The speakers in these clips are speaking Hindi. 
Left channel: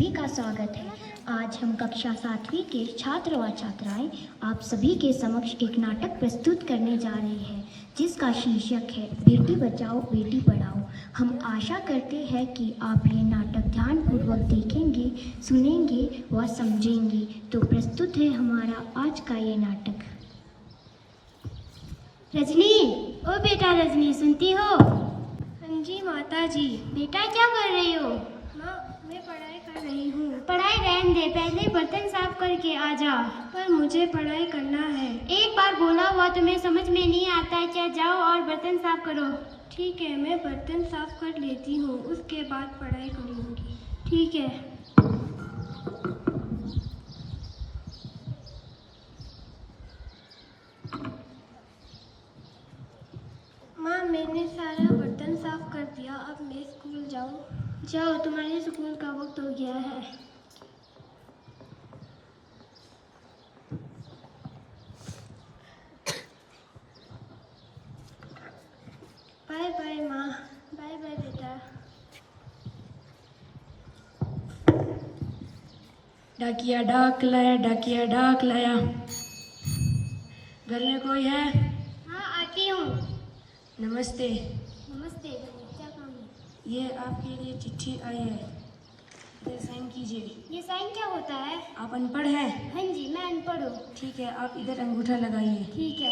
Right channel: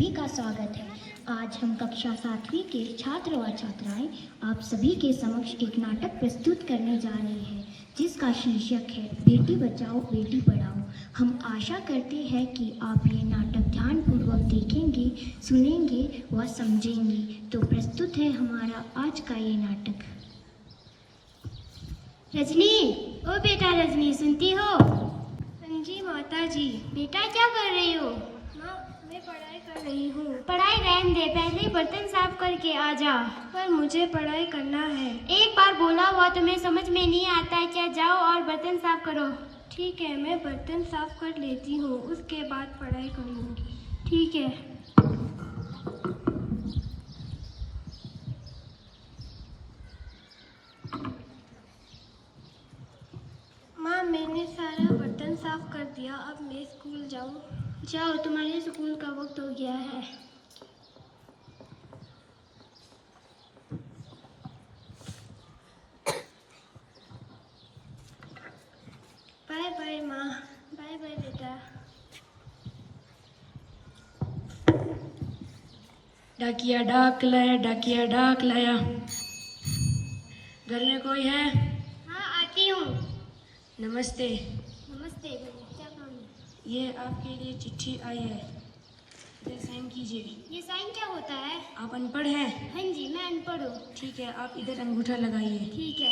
सभी का स्वागत है। आज हम कक्षा 7वीं के छात्र व छात्राएं आप सभी के समक्ष एक नाटक प्रस्तुत करने जा रहे हैं, जिसका शीर्षक है बेटी बचाओ बेटी पढ़ाओ। हम आशा करते हैं कि आप ये नाटक ध्यानपूर्वक देखेंगे, सुनेंगे व समझेंगे। तो प्रस्तुत है हमारा आज का ये नाटक। रजनी, ओ बेटा रजनी, सुनती हो? हाँ जी माता जी। बेटा क्या कर रही हो? माँ, मैं पढ़ाई कर रही हूँ। पढ़ाई रहने दे, पहले बर्तन साफ करके आ जा। पर मुझे पढ़ाई करना है। एक बार बोला हुआ तुम्हें समझ में नहीं आता है क्या? जाओ और बर्तन साफ करो। ठीक है, मैं बर्तन साफ कर लेती हूँ, उसके बाद पढ़ाई करूँगी। ठीक है। माँ, मैंने सारा बर्तन साफ कर दिया, अब मैं स्कूल जाऊँ? जाओ, तुम्हारे स्कूल का वक्त हो गया है। बाय बाय माँ। बाय बाय बेटा। डाकिया डाक लाया, डाकिया डाक लाया। घर में कोई है? हाँ, आती हूँ। नमस्ते। नमस्ते भैया, क्या काम है? ये आपके लिए चिट्ठी आई है, इधर साइन कीजिए। ये साइन क्या होता है? आप अनपढ़ हैं? हाँ जी, मैं अनपढ़ हूँ। ठीक है, आप इधर अंगूठा लगाइए। ठीक है।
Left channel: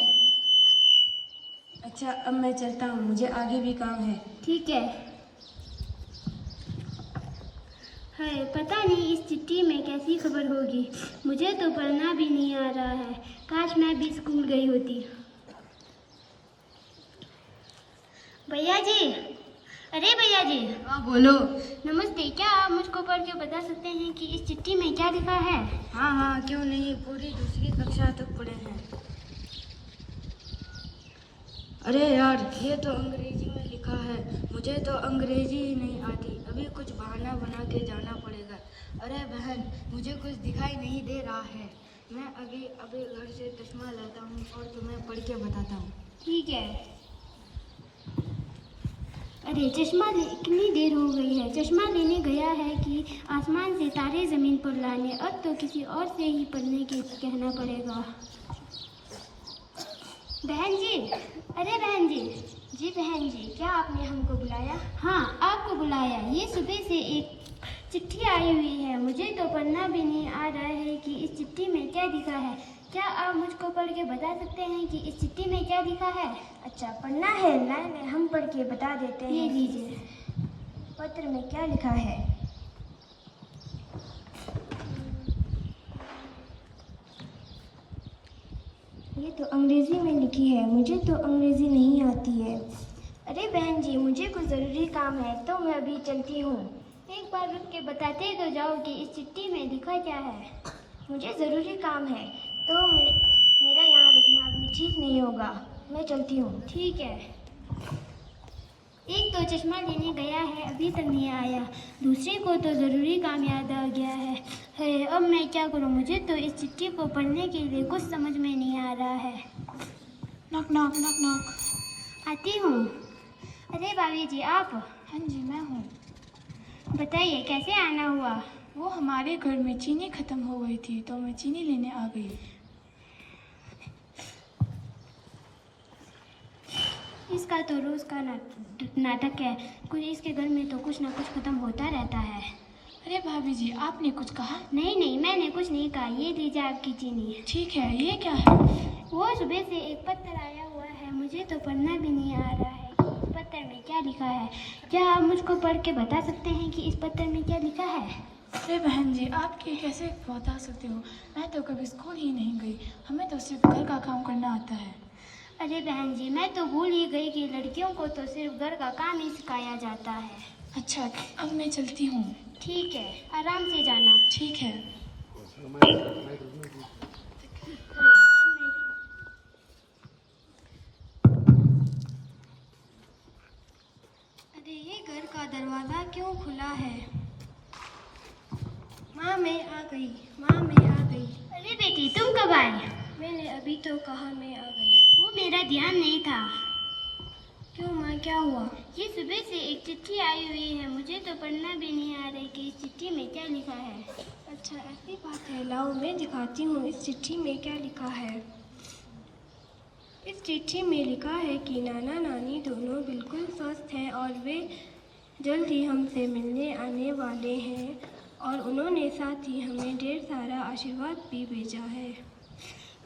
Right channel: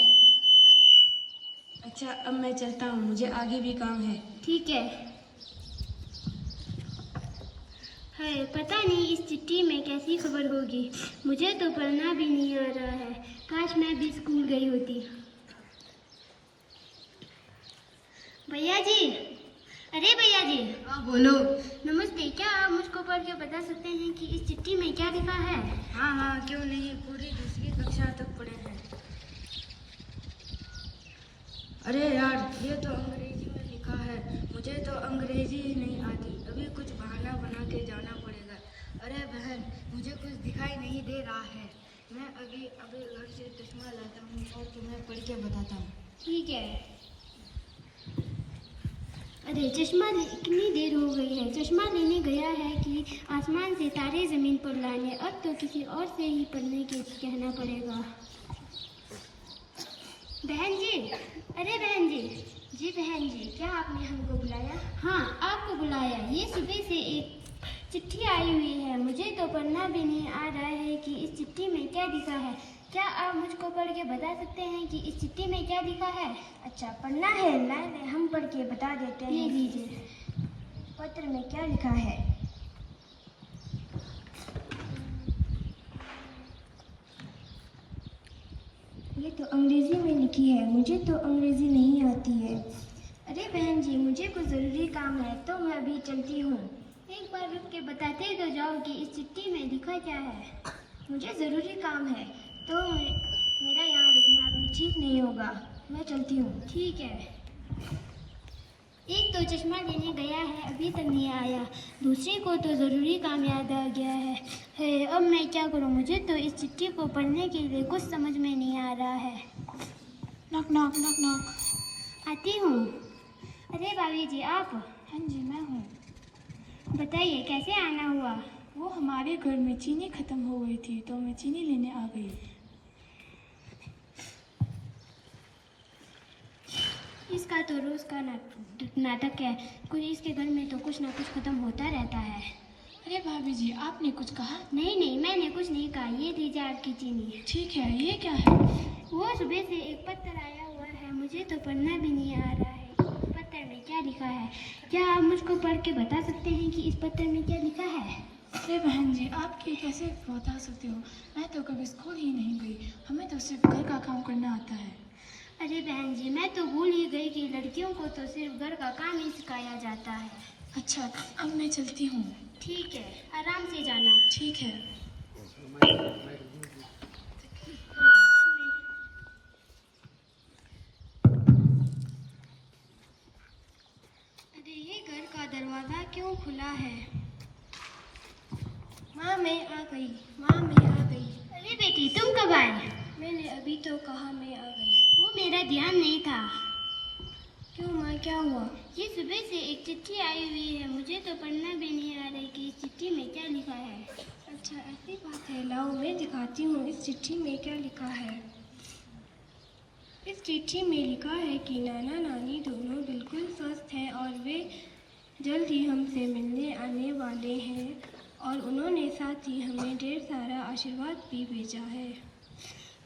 अच्छा, अब मैं चलता हूँ, मुझे आगे भी काम है। ठीक है। है, पता नहीं इस चिट्ठी में कैसी खबर होगी। मुझे तो पढ़ना भी नहीं आ रहा है। काश मैं भी स्कूल गई होती। भैया जी, अरे भैया जी। हाँ बोलो। नमस्ते, क्या आप मुझको पढ़ के बता सकते हैं कि इस चिट्ठी में क्या लिखा है? हाँ हाँ, क्यों नहीं, पूरी दूसरी कक्षा तक पढ़े हैं। अरे यार, ये तो अंग्रेजी में लिखा है, मुझे तो अंग्रेजी ही नहीं आती, अभी कुछ बहाना बना के जाना पड़ेगा। अरे बहन, मुझे कुछ दिखाई नहीं दे रहा है, मैं अभी घर से चश्मा लाता हूँ और तुम्हें पढ़ के बताता हूँ। ठीक है। अरे चश्मा कितनी देर हो गई है? चश्मा लेने गया है कि आसमान से तारे जमीन पर लाने। अब तो किसी और से ही पढ़ने के कहना पड़ेगा। बहन जी, अरे बहन जी। जी बहन जी, क्या आपने हमको बुलाया? हाँ, आपको बुलाया। ये सुबह से एक चिट्ठी आई हुई है, मुझे तो पढ़ना भी नहीं आ रहा है कि इस चिट्ठी में क्या लिखा है। क्या आप मुझको पढ़ के बता सकते हैं कि इस चिट्ठी में क्या लिखा है? अच्छा, पढ़ना है ना? हम पढ़ के बता देते हैं। ये लीजिए, पत्र में क्या लिखा है? ये तो अंग्रेजी में लिखी है, मुझे तो अंग्रेजी नहीं आती है। अरे बहन जी, मुझे कुछ ज़रूरी काम है तो मैं अभी चलती हूँ। एक बार रुक के बताते तो जाओ कि इस चिट्ठी में लिखा क्या है। मुझे ज़रूरी काम है तो मेरा यहाँ रुकना अभी ठीक नहीं होगा, मैं चलती हूँ। ठीक है। एक तो चश्मा लेने गया है, अभी तक नहीं आया। दूसरे को तो ज़रूरी काम याद आ गया है। अब मैं क्या करूं? मुझे तो इस चिट्ठी को पढ़ने के लिए कुछ समझ में नहीं आ रहा है। Knock knock knock knock. आती हूँ। अरे भाभी जी, आप? हाँ जी, मैं हूँ। बताइए, कैसे आना हुआ? वो हमारे घर में चीनी खत्म हो गई थी तो मैं चीनी लेने आ गई। इसका तो रोज़ का नाटक है। कुछ इसके घर में तो कुछ ना कुछ खत्म होता रहता है। अरे भाभी जी, आपने कुछ कहा? नहीं, मैंने कुछ नहीं कहा। ये लीजिए आपकी चीनी। ठीक है, ये क्या है? वो सुबह से एक पत्र आया हुआ है, मुझे तो पढ़ना भी नहीं आ रहा है कि इस पत्र में क्या लिखा है। क्या आप मुझको पढ़ के बता सकते हैं कि इस पत्र में क्या लिखा है? अरे बहन जी, आप ये कैसे बता सकते हो? मैं तो कभी स्कूल ही नहीं गई, हमें तो सिर्फ घर का काम करना आता है। अरे बहन जी, मैं तो भूल ही गई कि लड़कियों को तो सिर्फ घर का काम ही सिखाया जाता है। अच्छा, अब मैं चलती हूँ। ठीक है, आराम से जाना। ठीक है। अरे ये घर का दरवाज़ा क्यों खुला है? माँ, मैं आ गई। माँ, मैं आ गई। अरे बेटी, तुम कब आए? मैंने अभी तो कहा मैं आ गई। वो मेरा ध्यान नहीं था। क्यों माँ, क्या हुआ? ये सुबह से एक चिट्ठी आई हुई है, मुझे तो पढ़ना भी नहीं आ रहा है कि इस चिट्ठी में क्या लिखा है। अच्छा, ऐसी बात है। लाओ मैं दिखाती हूँ इस चिट्ठी में क्या लिखा है। इस चिट्ठी में लिखा है कि नाना नानी दोनों बिल्कुल स्वस्थ हैं और वे जल्द ही हमसे मिलने आने वाले हैं, और उन्होंने साथ ही हमें ढेर सारा आशीर्वाद भी भेजा है।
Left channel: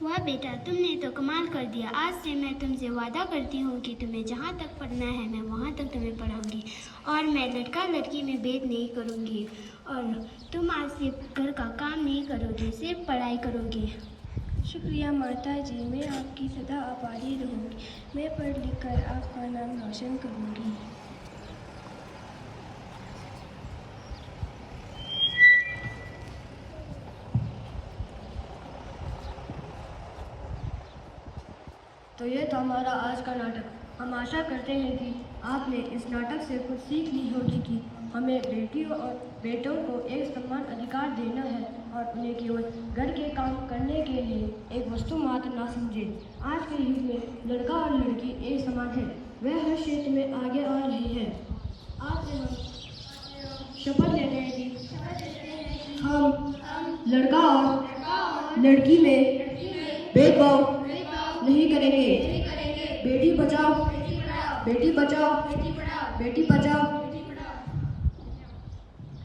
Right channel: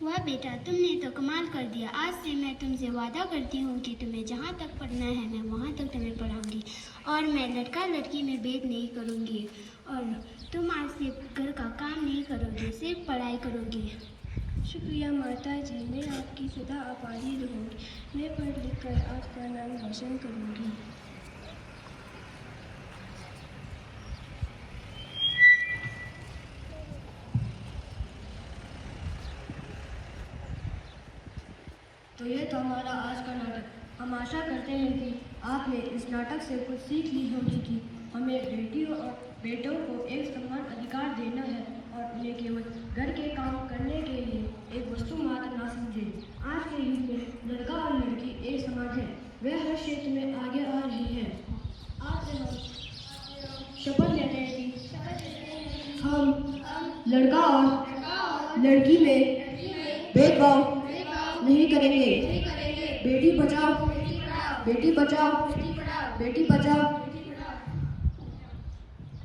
वाह बेटा, तुमने तो कमाल कर दिया। आज से मैं तुमसे वादा करती हूँ कि तुम्हें जहाँ तक पढ़ना है मैं वहाँ तक तुम्हें पढ़ाऊँगी, और मैं लड़का लड़की में भेद नहीं करूँगी, और तुम आज से घर का काम नहीं करोगे, सिर्फ पढ़ाई करोगे। शुक्रिया माता जी, मैं आपकी सदा आभारी रहूँगी। मैं पढ़ लिख कर आपका नाम रोशन करूँगी। तो ये था हमारा आज का नाटक। हम आशा करते हैं कि आपने इस नाटक से कुछ सीख ली होगी कि हमें बेटियों और बेटों को एक समान अधिकार देना है और उन्हें केवल घर के काम करने के लिए एक वस्तु मात्र ना समझें। आज के युग में लड़का और लड़की एक समान है, वे हर क्षेत्र में आगे आ रहे हैं। आज से हम शपथ लेते हैं कि हम लड़का और लड़की में भेदभाव नहीं करेंगे। बेटी बचाओ, बेटी बचाओ, बेटी बचाओ।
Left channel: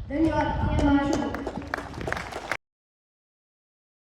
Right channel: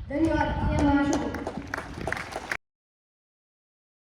धन्यवाद।